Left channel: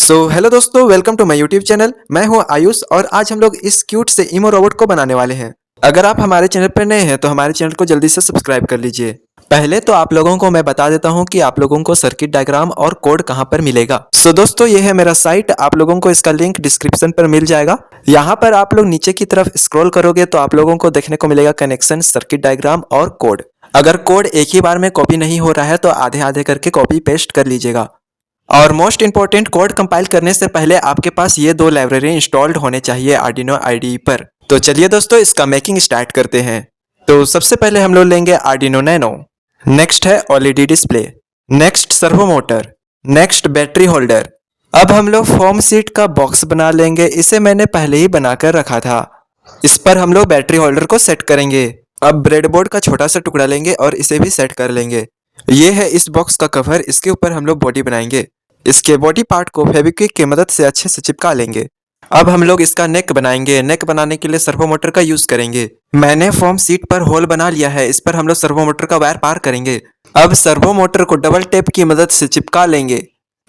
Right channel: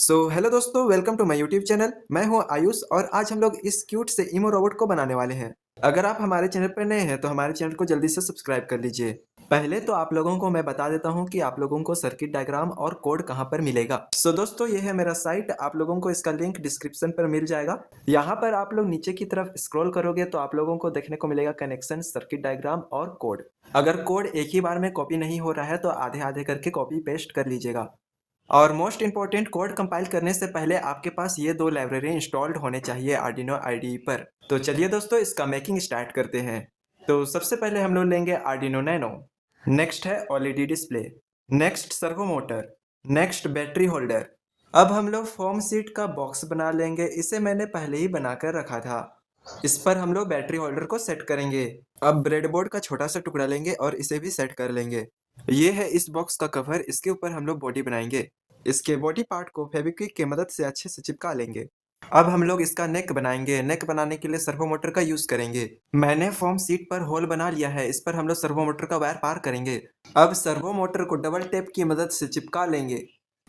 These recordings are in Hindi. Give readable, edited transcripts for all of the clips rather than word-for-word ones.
हेलो दोस्तों, welcome to my YouTube channel. मैं हूं आयुष और आज हम लोग इस क्यूट से इमो रोबोट को बनाने वाले हैं। अगर आप हमारे चैनल पर नए हैं तो हमारे चैनल को जल्दी से सब्सक्राइब कर लीजिए। पहले तो आप लोगों को मैं बता देता हूं कि आप लोगों को सर्किट डायग्राम और कोड कहां पर मिलेगा। दोस्तों, ये है मेरा साइट। आप लोगों को इसका लिंक डिस्क्रिप्शन पर मिल जाएगा। यहाँ पर आप लोग नीचे की तरफ स्क्रॉल करोगे तो आप लोगों को देखने को मिलेगा कनेक्शन, सर्किट डायग्राम और कोड। अगर कोड एक ही बार में कॉपी नहीं हो रहा है तो आधे आधे करके कॉपी पेस्ट कर लीजिएगा। और मोस्ट इंपॉर्टेंट, कोड कंपाइल करने से पहले आपके पास ये दो लाइब्रेरी इंस्टॉल्ड होने चाहिए आर्डिनो आईडीई पर। तो चलिए दोस्तों, इसका मेकिंग स्टार्ट करते हैं। तो सबसे पहले हम लोग लेंगे आर्डिनो नैनो, नेक्स्ट है OLED display, next servo motor, next battery holder. अब हम लोग फॉर्म शीट का बॉक्स बना लेंगे। इसे मैंने पहले ही बनाकर रखा था। इस पर हम लोग बैटरी होल्डर को सेट करेंगे। अब ब्रेडबोर्ड का छोटा सा टुकड़ा लेंगे और इसे भी सेट कर लेंगे। ये है इस बॉक्स का कवर। इसके ऊपर हम लोग बॉडी बनाएंगे। इसके बॉडी पार्ट को फेविक्विक की मदद से अच्छे से चिपका लेंगे। अब हम लोग इसका नेक बनाएंगे। नेक बनाने के लिए सर्वो मोटर का यूज करेंगे। मैंने फॉर्म शीट पर होल बना लिया है। इस पर हम लोग सर्वो मोटर का वायर पार करेंगे। अब सर्वो मोटर को डबल टेप की मदद से चिपका लेंगे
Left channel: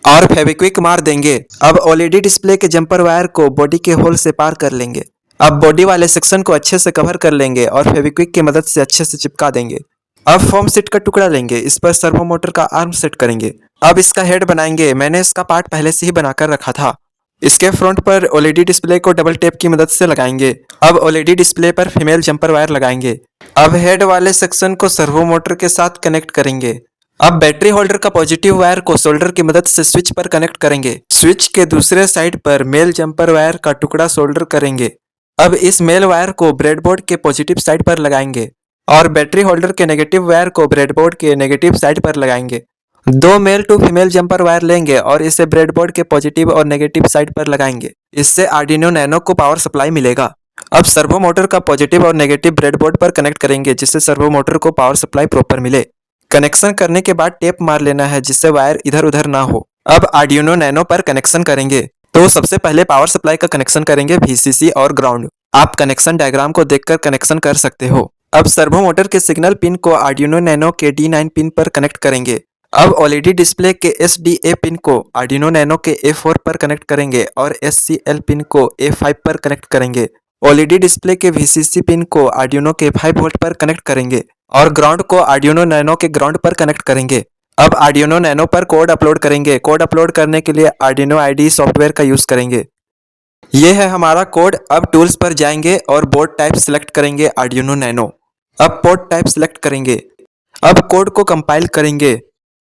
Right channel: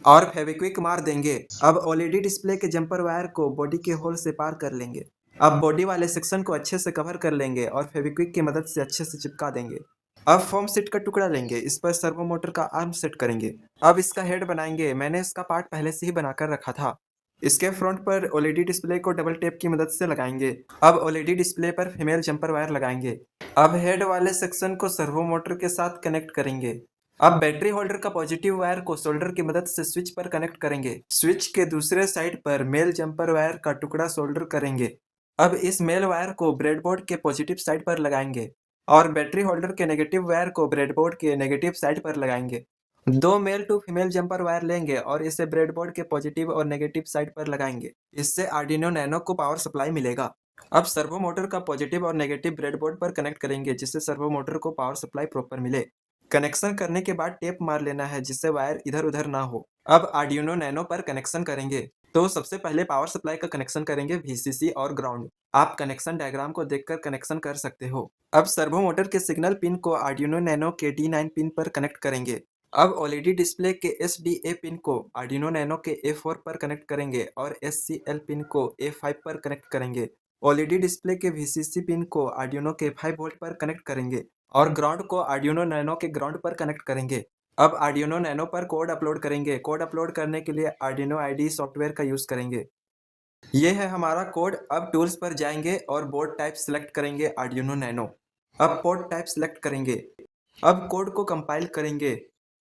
और फेविक्विक मार देंगे। अब ओएलईडी डिस्प्ले के जंपर वायर को बॉडी के होल से पार कर लेंगे। अब बॉडी वाले सेक्शन को अच्छे से कवर कर लेंगे और फेविक्विक की मदद से अच्छे से चिपका देंगे। अब फॉर्म शीट का टुकड़ा लेंगे। इस पर सर्वो मोटर का आर्म सेट करेंगे। अब इसका हेड बनाएंगे। मैंने इसका पार्ट पहले से ही बनाकर रखा था। इसके फ्रंट पर ओएलईडी डिस्प्ले को डबल टेप की मदद से लगाएंगे। अब ओएलईडी डिस्प्ले पर फीमेल जंपर वायर लगाएंगे। अब हेड वाले सेक्शन को सर्वो मोटर के साथ कनेक्ट करेंगे। अब बैटरी होल्डर का पॉजिटिव वायर को सोल्डर की मदद से स्विच पर कनेक्ट करेंगे। स्विच के दूसरे साइड पर मेल जंपर वायर का टुकड़ा सोल्डर करेंगे। अब इस मेल वायर को ब्रेडबोर्ड के पॉजिटिव साइड पर लगाएंगे और बैटरी होल्डर के नेगेटिव वायर को ब्रेडबोर्ड के नेगेटिव साइड पर लगाएंगे। दो male to female jumper wire लेंगे और इसे ब्रेडबोर्ड के पॉजिटिव और नेगेटिव साइड पर लगाएंगे। इससे आर्डिनो नैनो को पावर सप्लाई मिलेगा। अब सर्वो मोटर का पॉजिटिव और नेगेटिव ब्रेडबोर्ड पर कनेक्ट करेंगे जिससे सर्वो मोटर को पावर सप्लाई प्रॉपर मिले। कनेक्शन करने के बाद टेप मार लेना है जिससे वायर इधर उधर ना हो। अब आर्डिनो नैनो पर कनेक्शन करेंगे। तो सबसे पहले पावर सप्लाई का कनेक्शन करेंगे वीसीसी और ग्राउंड। आप कनेक्शन डायग्राम को देखकर कनेक्शन कर सकते हो। अब सर्वो मोटर के सिग्नल पिन को आर्डिनो नैनो के D9 पिन पर कनेक्ट करेंगे। अब ओएलईडी डिस्प्ले के SDA पिन को आर्डिनो नैनो के A4 पर कनेक्ट करेंगे और SCL पिन को A5 पर कनेक्ट करेंगे। ओएलईडी डिस्प्ले के VCC पिन को आर्डिनो के 5 वोल्ट पर कनेक्ट करेंगे और ग्राउंड को आर्डिनो नैनो के ग्राउंड पर कनेक्ट करेंगे। अब आर्डिनो नैनो पर कोड अपलोड करेंगे। कोड अपलोड करने के लिए आर्डिनो आईडीई सॉफ्टवेयर का यूज करेंगे। ये है हमारा कोड। अब टूल्स पर जाएंगे और बोर्ड टाइप सिलेक्ट करेंगे आर्डिनो नैनो। अब पोर्ट टाइप सिलेक्ट करेंगे। अब कोड को कंपाइल करेंगे।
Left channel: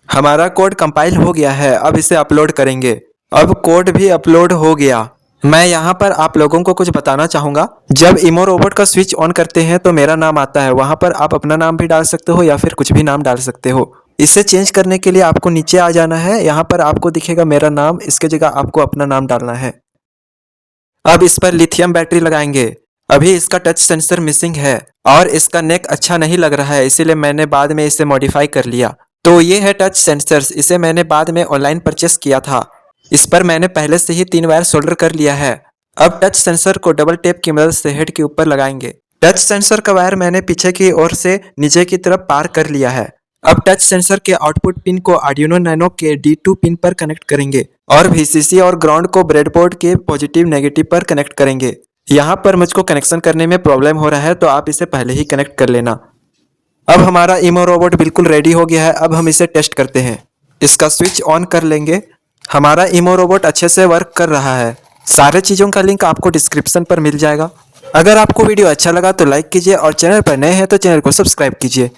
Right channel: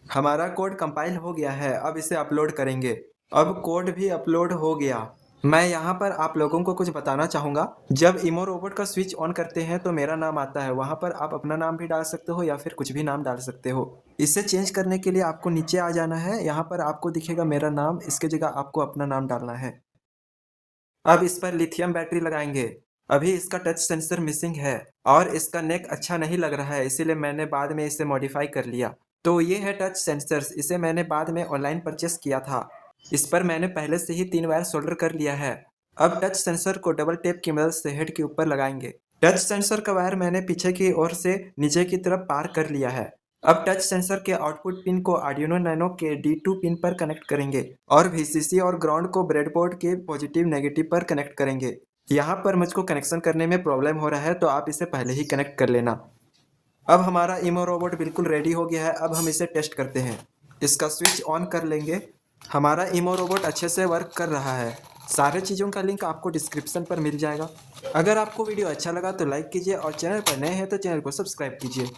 हमारा कोड कंपाइल हो गया है। अब इसे अपलोड करेंगे। अब कोड भी अपलोड हो गया। मैं यहाँ पर आप लोगों को कुछ बताना चाहूँगा। जब इमो रोबोट का स्विच ऑन करते हैं तो मेरा नाम आता है। वहाँ पर आप अपना नाम भी डाल सकते हो या फिर कुछ भी नाम डाल सकते हो। इसे चेंज करने के लिए आपको नीचे आ जाना है। यहाँ पर आपको दिखेगा मेरा नाम, इसके जगह आपको अपना नाम डालना है। अब इस पर लिथियम बैटरी लगाएंगे। अभी इसका टच सेंसर मिसिंग है और इसका नेक अच्छा नहीं लग रहा है, इसीलिए मैंने बाद में इसे मॉडिफाई कर लिया। तो ये है टच सेंसर्स। इसे मैंने बाद में ऑनलाइन परचेस किया था। इस पर मैंने पहले से ही 3 वायर सोल्डर कर लिया है। अब टच सेंसर को डबल टेप की मदद से हेड के ऊपर लगाएंगे। टच सेंसर का वायर मैंने पीछे की ओर से नीचे की तरफ पार कर लिया है। अब टच सेंसर के आउटपुट पिन को आर्डिनो नैनो के D2 पिन पर कनेक्ट करेंगे और VCC और ग्राउंड को ब्रेडबोर्ड के पॉजिटिव नेगेटिव पर कनेक्ट करेंगे। यहाँ पर मुझको कनेक्शन करने में प्रॉब्लम हो रहा है तो आप इसे पहले ही कनेक्ट कर लेना। अब हमारा इमो रोबोट बिल्कुल रेडी हो गया है। अब हम इसे टेस्ट करते हैं। इसका स्विच ऑन कर लेंगे। हमारा इमो रोबोट अच्छे से वर्क कर रहा है। सारे चीज़ों का लिंक आपको डिस्क्रिप्शन पर मिल जाएगा। अगर आपको वीडियो अच्छा लगा तो लाइक कीजिए और चैनल पर नए हैं तो चैनल को सब्सक्राइब कीजिए।